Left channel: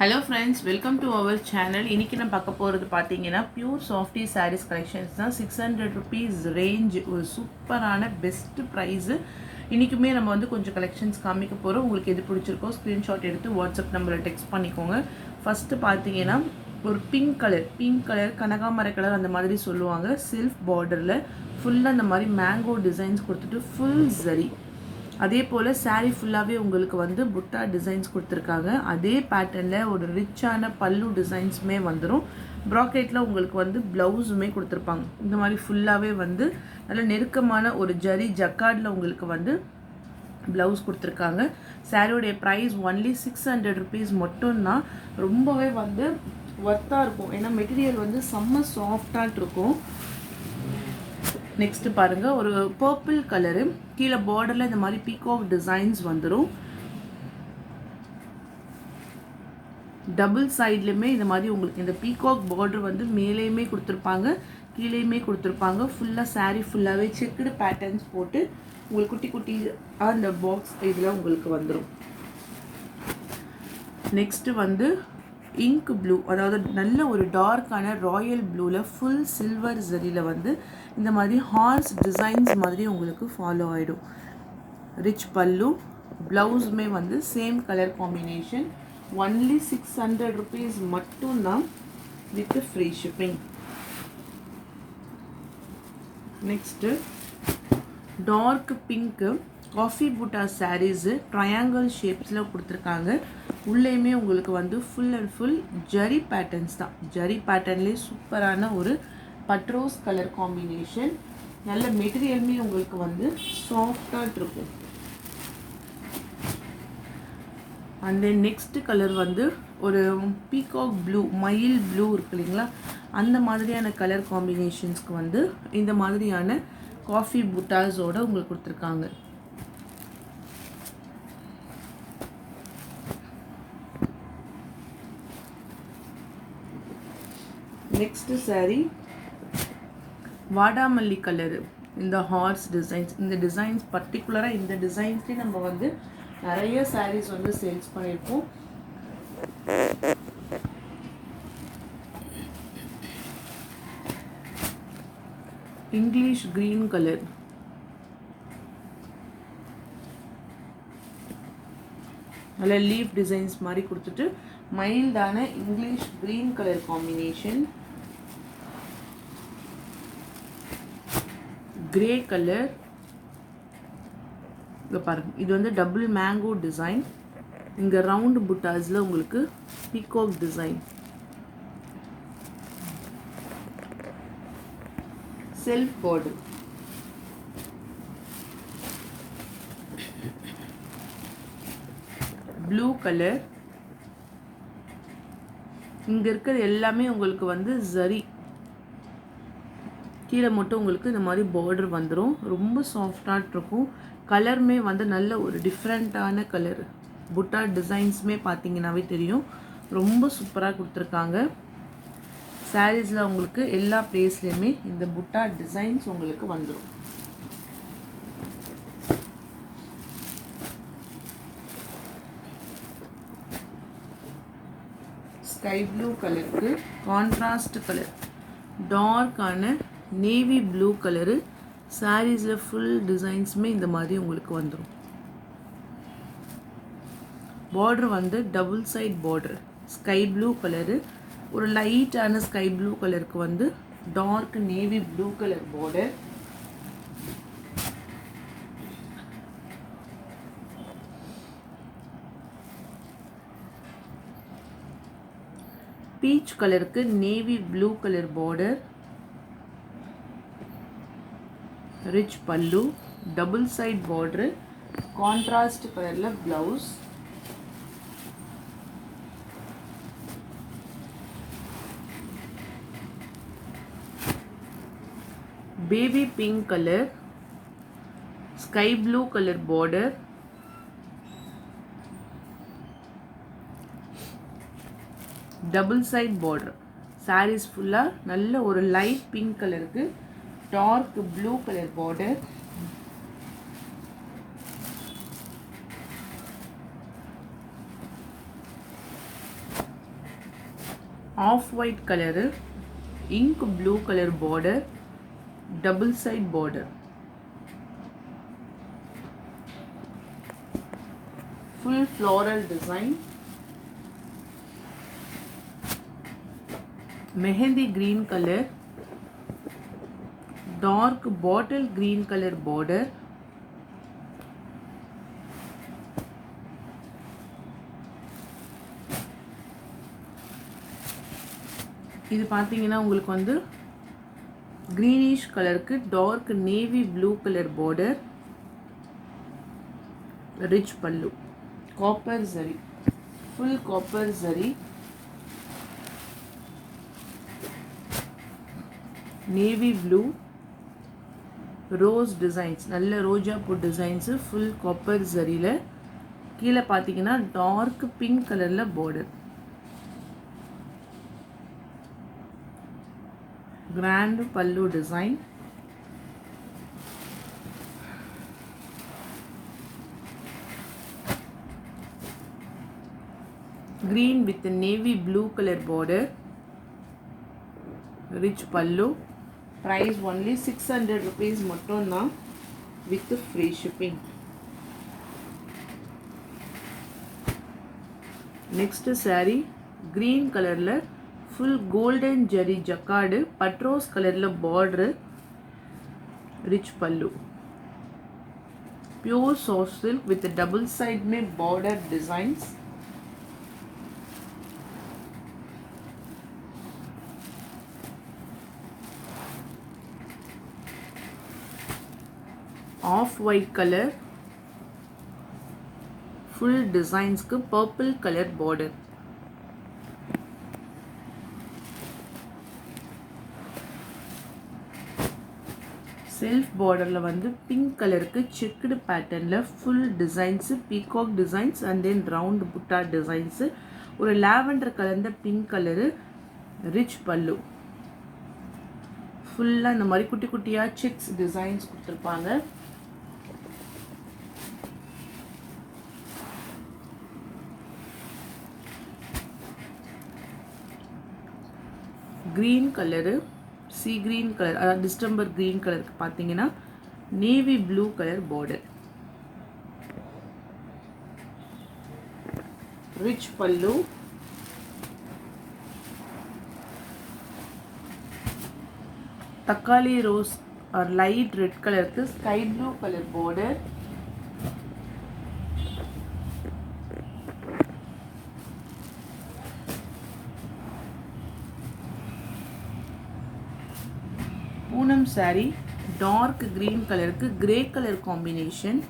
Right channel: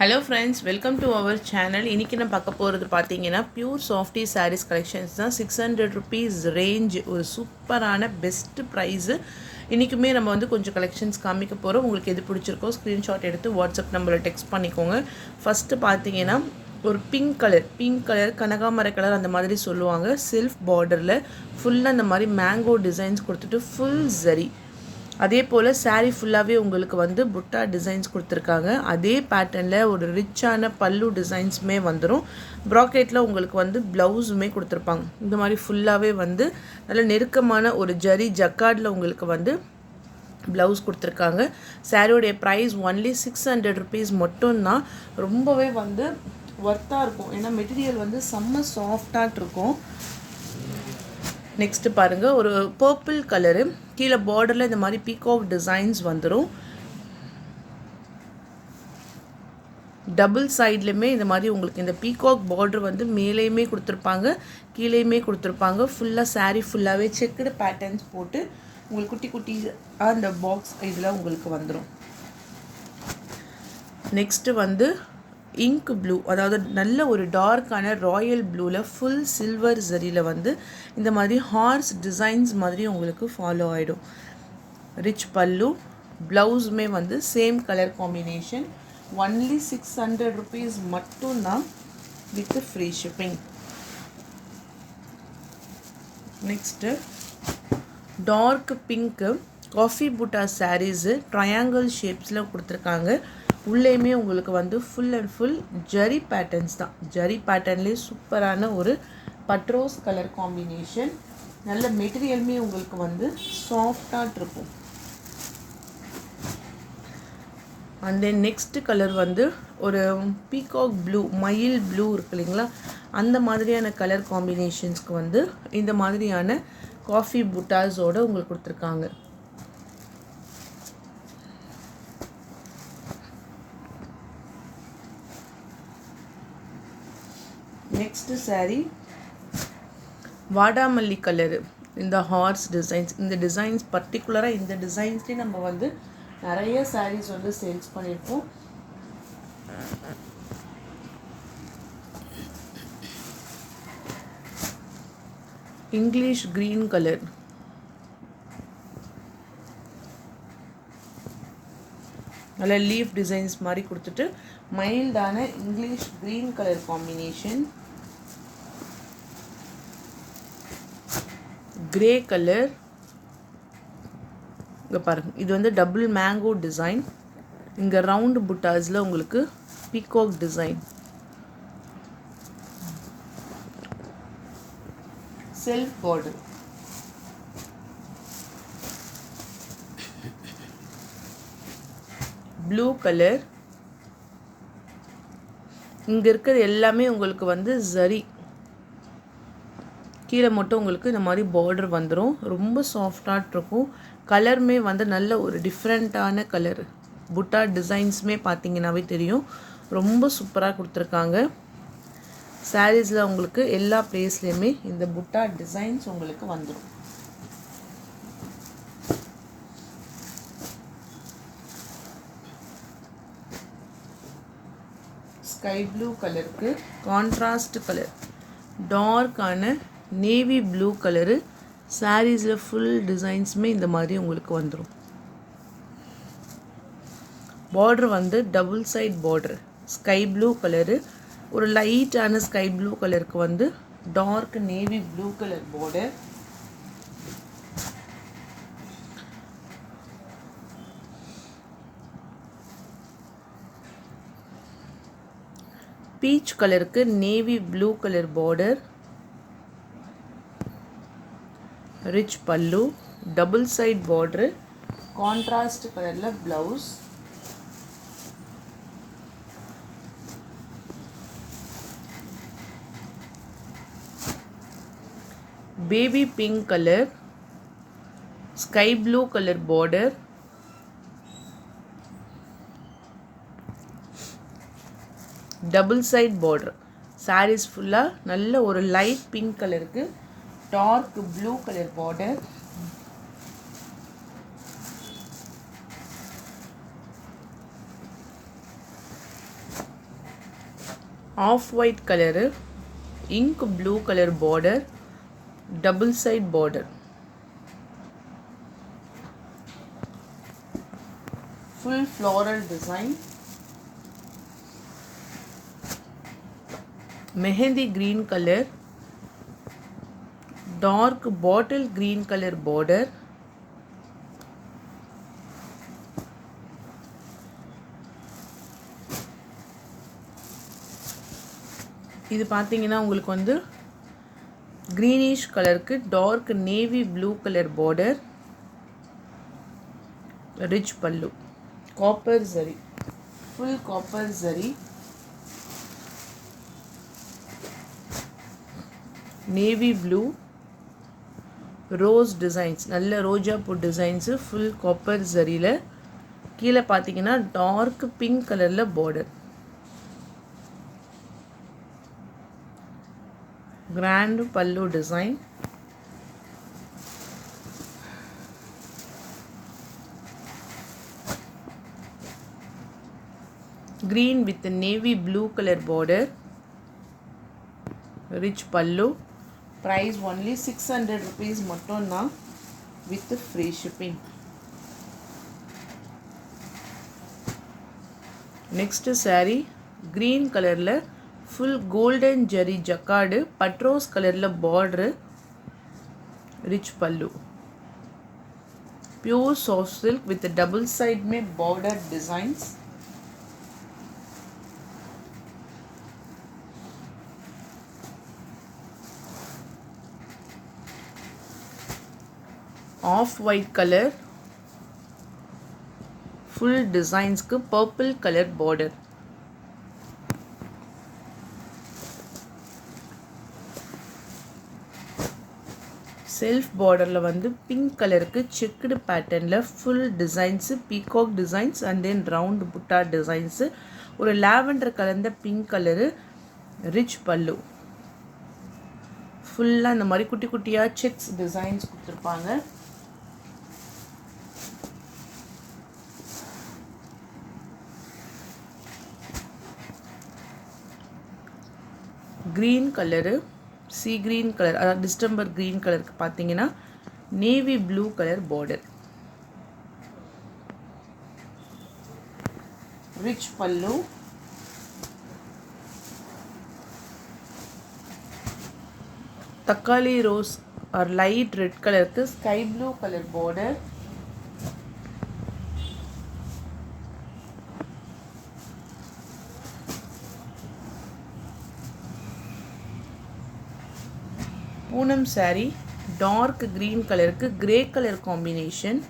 Hello friends, welcome to our channel. இன்னைக்கு நான் பார்க்க போறது பாத்தீங்கன்னா பியூர் சாஃப்டி sarees collections தான். 600 rupees range ஒரு சூப்பரான பெஸ்ட் பிரைஸ். இன்னைக்குமே நம்ம வந்து கொஞ்சம் கலெக்ஷன்ஸ் காமிக்க போறோம். உங்களுக்கு எது பிடிச்சிருக்கோ ஸ்கிரீன்ஷாட் எடுத்து வாட்ஸ்அப் நம்பர்ல டெக்ஸ்ட் பண்ணிக்கோங்க. ஃபர்ஸ்ட் பாத்தீங்கன்னா ஒரு பிங்க் கலர் கனகாமர கலர் அந்த மாதிரி சொல்லுவாங்க. செல்ஃப் பார்டர்ல ஃபுல்லா அந்த மாதிரி மேங்கோ டிசைன்ஸ் கொடுத்துட்டு ஃபுல் ஜரி. அதே போல் சாரீ ஃபுல்லாகவே உங்களுக்கு வந்து புட்டா டிசைன்ஸ் கொடுத்துருக்காங்க. அதே பேட்டர்னில் ஒரு ரிச்சான பல்லு டிசைன்ஸுமே வந்துடும். ப்ராக்கெட்டில் உங்களுக்கு வந்து ப்ளவுஸுமே கொடுத்துருப்பாங்க. இந்த மாதிரி ஃபுல்லாகவே வந்து நல்ல நெருக்கமான ஒரு ஜரி ஜக்கார்டில் உங்களுக்கு வந்து ப்ளவுஸ் கொடுத்துருக்காங்க. சாரியோடைய ப்ரைஸ் ஒன்லி 600 rupees மட்டும்தான். ரொம்பவே வந்து ஒர்த்தாக இருக்கும். ஏன்னா மெட்டீரியல் வந்து செம்ம சாஃப்டாக இருக்கும். நெக்ஸ்ட் பாருங்க, ஒரு பர்பிள் கலரு கீழே பார்டர்ல இந்த மாதிரி பீகாக் டிசைன்ஸ் வந்துடும். டபுள் சைட்லையுமே இந்த மாதிரி உங்களுக்கு இந்த பீகாக் பார்டர் வந்து மேலேயுமே கொடுத்துருப்பாங்க, கீழேயுமே கொடுத்துருப்பாங்க. ஃபுல்லாக சாரீ ஃபுல்லாகவே செக்குடு பேட்டர்ன்ஸ் போட்டு உங்களுக்கு குட்டி குட்டி அந்த பாக்ஸ் இதில் உங்களுக்கு வந்துடும். நெக்ஸ்ட் வந்து இங்க் ப்ளூ, அதாவது நல்ல ஒரு டார்க்கான ராயல் ப்ளூவில் ஃபுல் சில்வர் ஜரியில் வந்து இந்த மாதிரி ஹார்ஸ் டிசைன்ஸ் மாதிரி உங்களுக்கு ஃபாலோ ஆகிடும். ரிச் பல்லு, ப்ளவுஸுமே வந்து same colour combination. Only 600 rupees மட்டும்தான் with free shipping. Next dark பிங்க்கு காஃபி புட்டா சாரீஸு ட்ரையாங்கிள் ஷேப்ஸில் கொடுத்துருக்காங்க. உள்ளேயுமே உங்களுக்கு வந்து ஃபுல் அண்ட் ஃபுல் ஜரி பேட்டர்ன்ஸ் தான். ஜரி பேட்டர்ன்லேயே சூப்பரான ஒரு பட்ரோஸ் கலர் காம்பினேஷன். நல்ல மெட்டீரியலுமே உங்களுக்கு வந்து சாஃப்டாக இருக்கும். அண்ட் தென் நெக்ஸ்ட் கலர் வந்து ஒரு பீகாக் ப்ளூ, மயில் ப்ளூ இருக்கு இல்லைங்களா, அந்த மாதிரியான கலர் காம்பினேஷன்ஸ்க்கு வந்து இந்த மாதிரியான காஃபி புட்டாஸோடு உங்களுக்கு கொடுத்துருக்காங்க. நெக்ஸ்ட் சாரீ வாடாமல்லி கலரு, இந்த ஹார்ஸ் டிசைன்ஸ். இந்த டிசைன்ஸ் பர்டிகுலராக இந்த டிசைன்ஸ்லேயே நம்ம வந்து நிறைய சாரீஸ் வந்து சேல்ஸ் பண்ணியிருக்கோம். இங்கிலீஷ் கிரீன் கலர், நல்ல லீஃப் டிசைன்ஸ் மாதிரி கொடுத்துட்டு மைல்டான English green colour combination. Grey colour, இங்கே பாருங்க, இது வந்து டபுள் மேங்கோ டிசைன். இங்கே ரவுண்டு புட்டாஸில் உங்களுக்கு peacock design. Self border. Blue colour, இங்கே இருக்கிறது எல்லாமே உங்களுக்கு வந்து ஜரி, கீழே மட்டும் உங்களுக்கு இந்த மாதிரி பார்டர் வந்துடும். ரொம்ப சாஃப்டாக இருக்கும். கலருமே வந்து நல்ல ஒரு டிஃப்ரெண்ட்டான கலர். புட்டா டிசைன்ஸுமே பார்த்தீங்கன்னாவே தெரியும், ரொம்ப சூப்பராக கொடுத்துருக்காங்க. சாரீஸில் உங்களுக்கு எல்லா பிளேஸ்லேயுமே இந்த புட்டா டிசைன்ஸ் உங்களுக்கு வந்துடும். ஸ்கை ப்ளூ கலருக்கு கான்ட்ராஸ்ட் கலர், டார்க்கான நேவி ப்ளூ கலரு. சாரீஸில் ஃபுல் டிசைன்ஸுமே இந்த மாதிரி உங்களுக்கு வந்துடும். பார்டர் வந்து double side border. Sky blue colour, ஒரு லைட்டான ஸ்கை ப்ளூ கலருக்கு வந்து dark navy blue colour border. Peach கலருக்கு navy blue colour border. Rich pallu, double side border, contrast கலரில் blouse. Baby pink colour, sky blue colour border. Double side border. Sarees ஃபுல்லாக நல்ல ஒரு light pink கலருக்கு dark blue colour border. Off white colour, ink blue colour border, double side border, full floral design, mehndi green colour, dark bottle green colour border, இது பார்த்தீங்கன்னா உங்களுக்கு வந்து greenish கலருக்கு dark navy blue colour border, rich pallu, copper zari, full copper zari, navy blue, rose designs, நல்ல ரோஜா பூ designs, full copper ஜரியில் கீழே பார்த்தீங்கன்னா டார்க் பிங்க் கலரில் border, grand pallu design, green with the navy blue color border, rich pallu, price only 600 rupees mattumna with free shipping. Next saree green color la full golden jari jacquard, patros color la border, rich pallu, pure soft silk with the double side made border designs, off white color, full designs ku purple color border, self பார்டரில் வந்து pink கலருக்கு checked பேட்டர்னில் full designs, peacock designs and then round புட்டா designs, ஒரு lavender கலந்த pink colour, rich பல்லு, ஃபுல்லாக இந்த மாதிரி குட்டி குட்டியாக செக்ஸ் டிசைன்ஸ் கொடுத்துருப்பாங்க. Green colour, sea green colour, அதாவது டிஸ்டம்பர் கிரீன் கலருக்கு பார்த்தீங்கன்னா navy blue colour border, rich பல்லு, தக்காளி ரோஸ் ஆர் லைட் ரெட் கலருக்கு sky blue colour border, Poonam saree dark green கலருக்கு கிரே கலர் காம்பினேஷன்,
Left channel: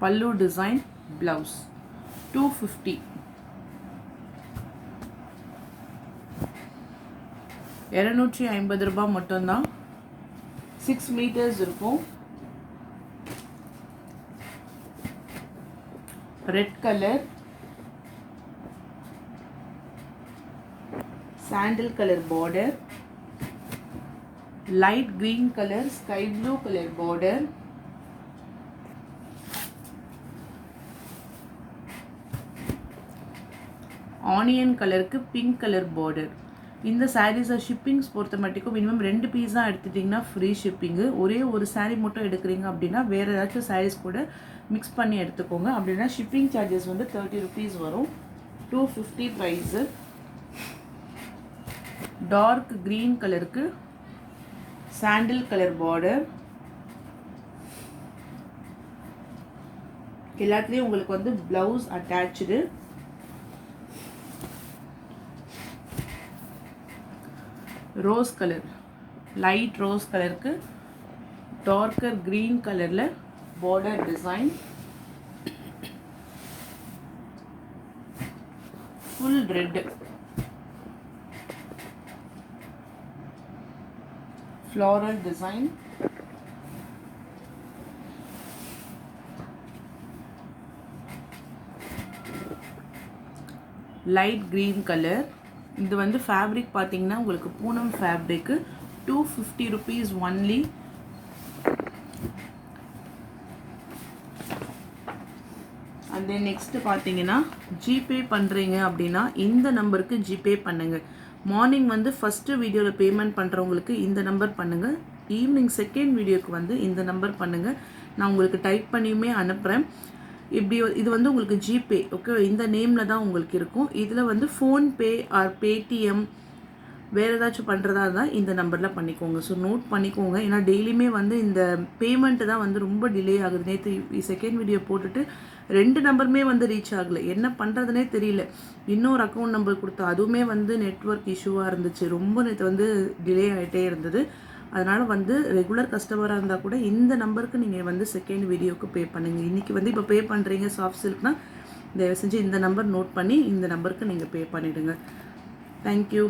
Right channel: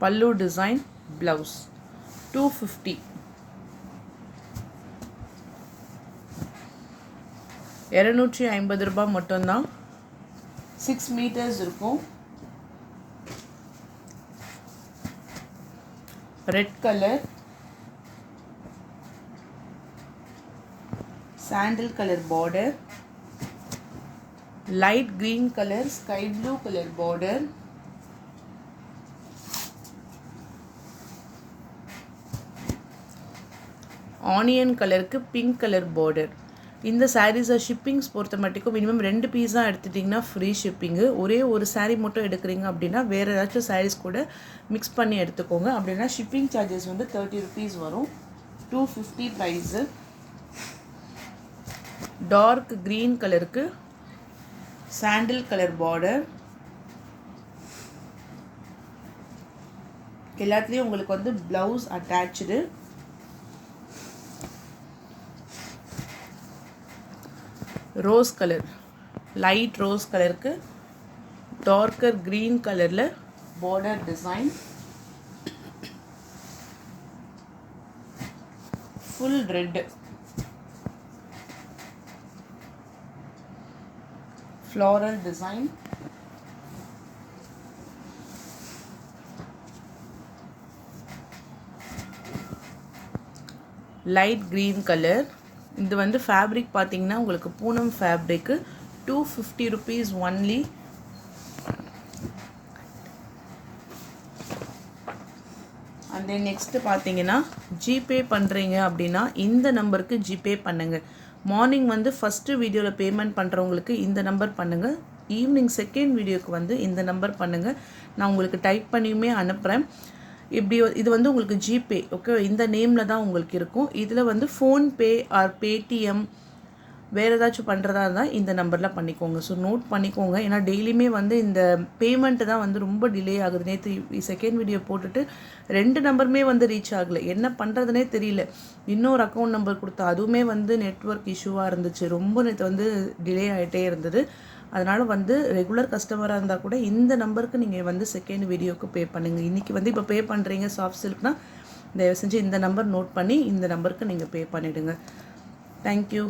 பல்லு டிசைன், பிளவுஸ் 250, 250 ரூபாய் மட்டும்தான். 6 மீட்டர்ஸ் இருக்கும். Red colour, sandal color border, light green color, sky blue color border, onion color க்கு pink color border. இந்த sarees shippings பொறுத்த மட்டும் minimum 2 piece தான் எடுத்துட்டிங்கன்னா ஃப்ரீ ஷிப்பிங்கு. ஒரே ஒரு saree மட்டும் எடுக்கிறீங்க அப்படின்னா வேறு ஏதாச்சும் sarees கூட மிக்ஸ் பண்ணி எடுத்துக்கோங்க. அப்படின்னா ஷிப்பிங் சார்ஜஸ் வந்து 30 rupees வரும். 250 ப்ரைஸு. டார்க் green கலருக்கு சாண்டில் கலர் பார்டர், எல்லாத்துலேயும் உங்களுக்கு வந்து blouse attach. Rose colour, light rose கலருக்கு டார்க்கர் green கலரில் border design, full red, floral design, light green color. இது வந்து ஃபேப்ரிக் பார்த்தீங்கன்னா உங்களுக்கு Poonam fabric 250 rupees only. And then next பார்த்தீங்கன்னா ஜிபே பண்ணுறீங்க அப்படின்னா இந்த நம்பருக்கு ஜிபே பண்ணுங்கள். மார்னிங் வந்து ஃபஸ்ட்டு வீடியோவில் பேமெண்ட் பண்ணுறவங்களுக்கு இந்த நம்பர் பண்ணுங்கள். ஈவினிங் செகண்ட் வீடியோக்கு வந்து இந்த நம்பர் பண்ணுங்கள். நான் உங்களுக்கு டைப் பண்ணியுமே அனுப்புகிறேன். இப்படி இது வந்து உங்களுக்கு ஜிபே ஓகே, இந்த நேமில் தான் உங்களுக்கு இருக்கும். இதில் வந்து ஃபோன்பே ஆர் பேடிஎம் வேறு ஏதாச்சும் பண்ணுறதா இருந்தால் இந்த நம்பரில் பண்ணிக்கோங்க. ஸோ நோட் பண்ணிக்கோங்க. ஏன்னா டெய்லியுமே வந்து இந்த பேமெண்ட்டு தான் வந்து ரொம்ப டிலே ஆகுது. நேற்று செகண்ட் வீடியோ போட்டுட்டு 2 நம்பருமே வந்து ரீச் ஆகலை. என்ன பண்ணுறதுனே தெரியல. இன்னொரு அக்கௌண்ட் நம்பர் கொடுத்தா அதுவுமே வந்து நெட்வொர்க் இஷ்யூவாக இருந்துச்சு. ரொம்ப நேற்று வந்து டிலே ஆகிட்டே இருந்தது. அதனால் வந்து ரெகுலர் கஸ்டமராக இருந்தால் கூட இந்த நம்பருக்கு நீங்கள் வந்து செகண்ட் வீடியோவுக்கு பே பண்ணுங்கள். இன்றைக்கி வந்து இப்போ பே பண்ணுறீங்க சாஃப்ட் சில்க்னா தயவு செஞ்சு இந்த நம்பர் நோட் பண்ணி இந்த நம்பருக்கு நீங்கள் பே பண்ணிவிடுங்க. தேங்க்யூ.